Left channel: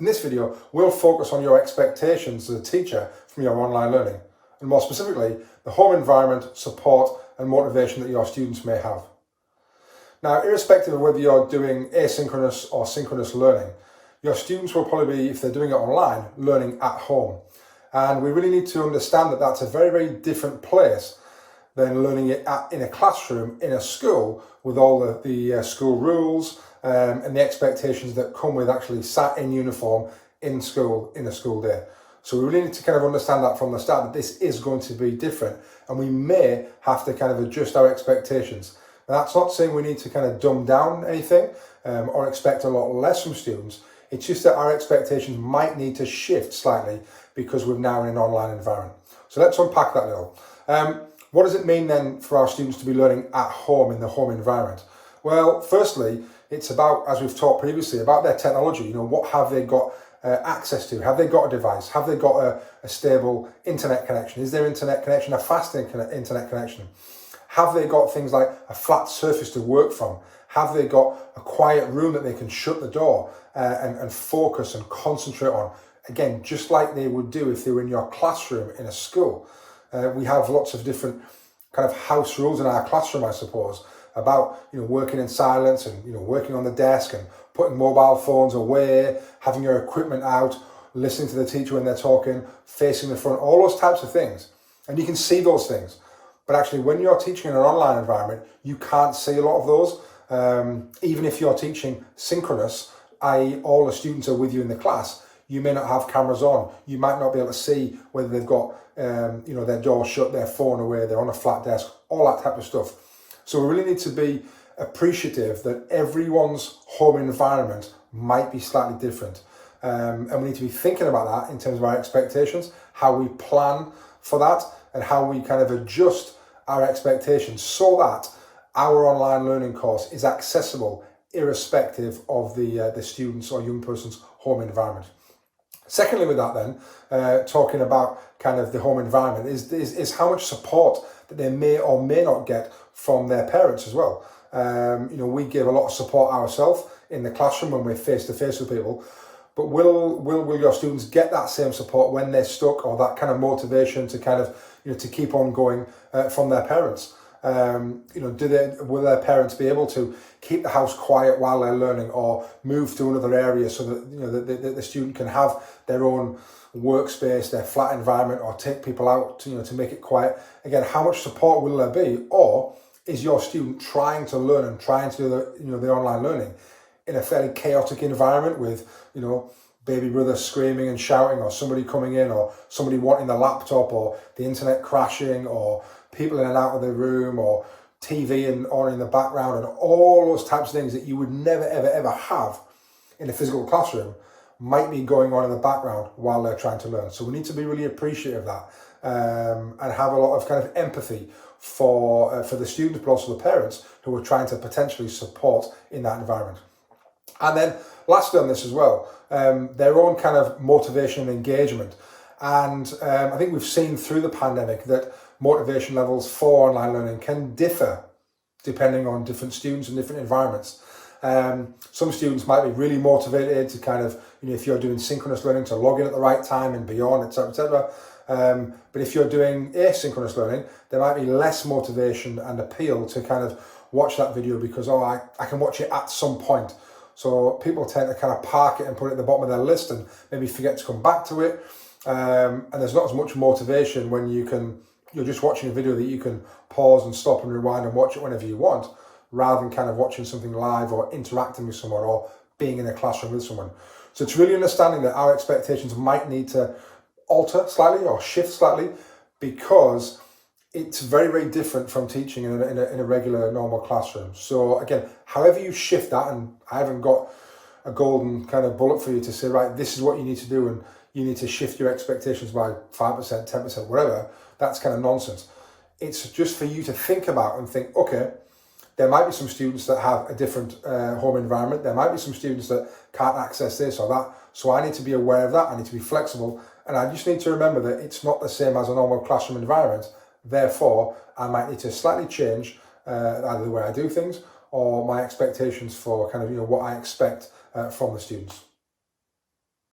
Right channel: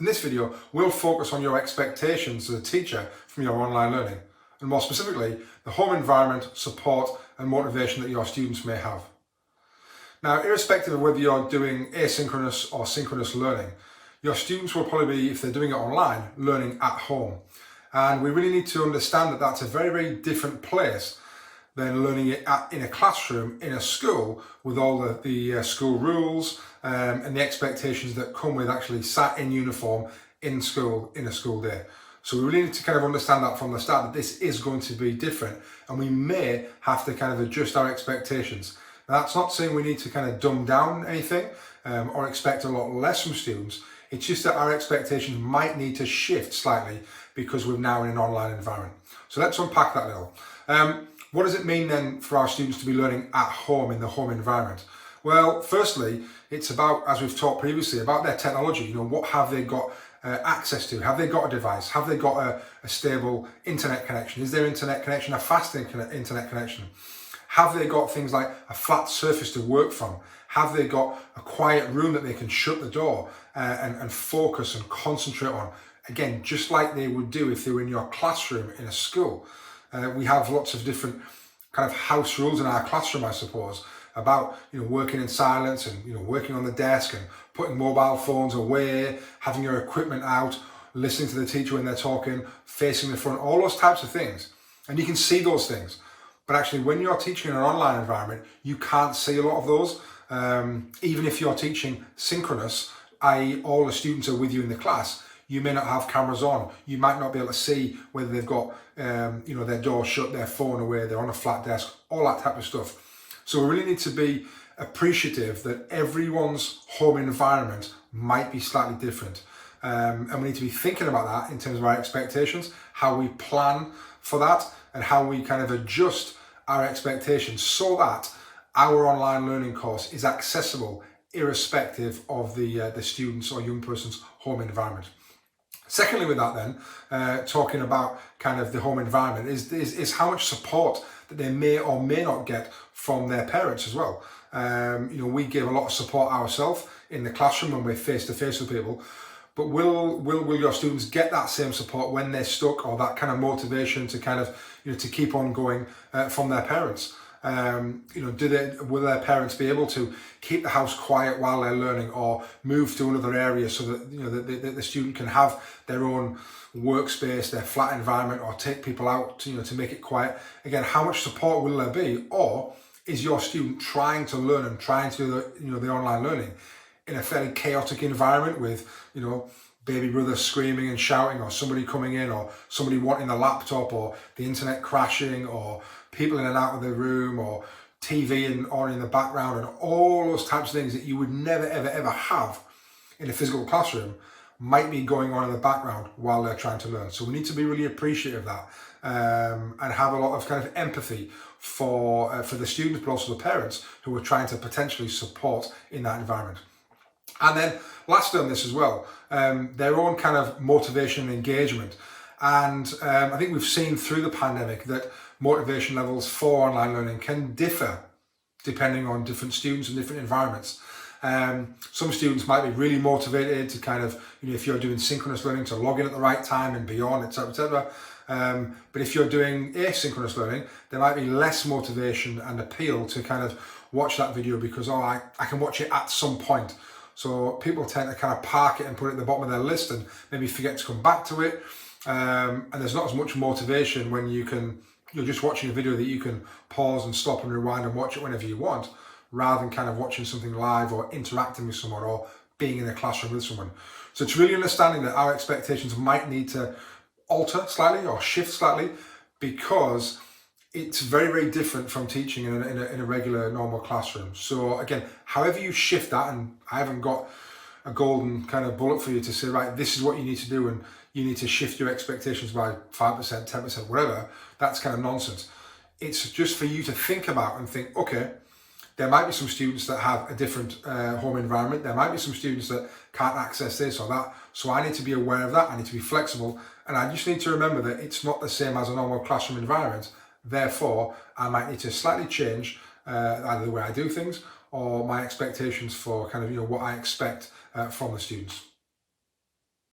In this video, we'll focus on your expectations as a teacher from your online learning, and more specifically, the home environment, support and motivation that your students may have. Now, irrespective of whether you're doing asynchronous or synchronous learning, your students will probably be, if they're doing it online, learning at home. And we really need to understand that that's a very, very different place than learning it in a classroom, in a school, with all the school rules and the expectations that come with actually sat in uniform in school, in a school day. So we really need to kind of understand that from the start, that this is going to be different, and we may have to kind of adjust our expectations. Now, that's not saying we need to kind of dumb down anything or expect a lot less from students. It's just that our expectations might need to shift slightly because we're now in an online environment. So let's unpack that a little. What does it mean then for our students to be learning at home in the home environment? Well, firstly, it's about, as we've talked previously, about their technology. You know, what have they got access to? Have they got a device? Have they got a stable internet connection? Is their internet connection a fast internet connection? Have they got things like a flat surface to work from? Have they got a quiet room that they can shut the door and focus and concentrate on? Again, just like they would do if they were in your classroom in a school. We have lots of different kind of house rules in our classroom, I suppose, about, you know, working in silence and, you know, working on the desk and putting mobile phones away, having your equipment out, listening to the teacher when they're talking, facing the front, all those types of things. And you can see those things. But actually, when you're teaching in an online environment, you can't see a lot of those. Even if you're teaching synchronous, i.e. all the students are with you in the class, you may not have cameras on. You might not be able to see whether they've got you know, their door shut, their phone away, they're on a flat desk, all that type of stuff. So we really need to be appreciative that everyone's home environment might be slightly different. And we need to be thinking about that in terms of our expectations, how we plan for that, and how we kind of adjust our expectations so that our online learning course is accessible irrespective of the student's or young person's home environment. Secondly, with that then, talking about kind of the home environment is how much support that they may or may not get from their parents as well. You know, we give a lot of support ourselves in the classroom when we're face to face with people, but will your students get that same support when they're stuck, or that kind of motivation to kind of, you know, to keep on going from their parents? You know, will their parents be able to keep the house quiet while they're learning, or move to another area so that, you know, the student can have their own workspace, their flat environment, or take people out to, you know, to make it quiet? Again, how much support will there be? Or is your student trying to learn and trying to do the, you know, the online learning in a fairly chaotic environment with, you know, baby brother screaming and shouting, or somebody coming in, or somebody wanting the laptop, or the internet crashing, or people in and out of the room, or TV on in the background, and all those types of things that you would never, ever, ever have in a physical classroom might be going on in the background while they're trying to learn. So we need to be really appreciative of that and have a lot of kind of empathy for the students, but also the parents who are trying to potentially support in that environment. And then lastly on this as well, their own kind of motivation and engagement. And I think we've seen through the pandemic that motivation levels for online learning can differ depending on different students and different environments. Some students might be really motivated to kind of, you know, if you're doing synchronous learning, to log in at the right time and beyond, etc., etc. But if you're doing asynchronous learning, there might be less motivation and appeal to kind of watch that video because, oh, I can watch it at some point. So people tend to kind of park it and put it at the bottom of their list and maybe forget to come back to it. And there's not as much motivation when you're just watching a video that you can pause and stop and rewind and watch it whenever you want, rather than kind of watching something live or interacting with someone or being in a classroom with someone. So it's really understanding that our expectations might need to alter slightly or shift slightly, because it's very, very different from teaching in a regular normal classroom. So again, however you shift that, and I haven't got a golden kind of bullet for you to say, right, this is what you need to do, and you need to shift your expectations by 5%, 10%, whatever. That's kind of nonsense. It's just for you to think about and think, okay, there might be some students that have a different home environment. There might be some students that can't access this or that. So I need to be aware of that. I need to be flexible. And I just need to remember that it's not the same as a normal classroom environment. Therefore, I might need to slightly change either the way I do things or my expectations for kind of, you know, what I expect from the students.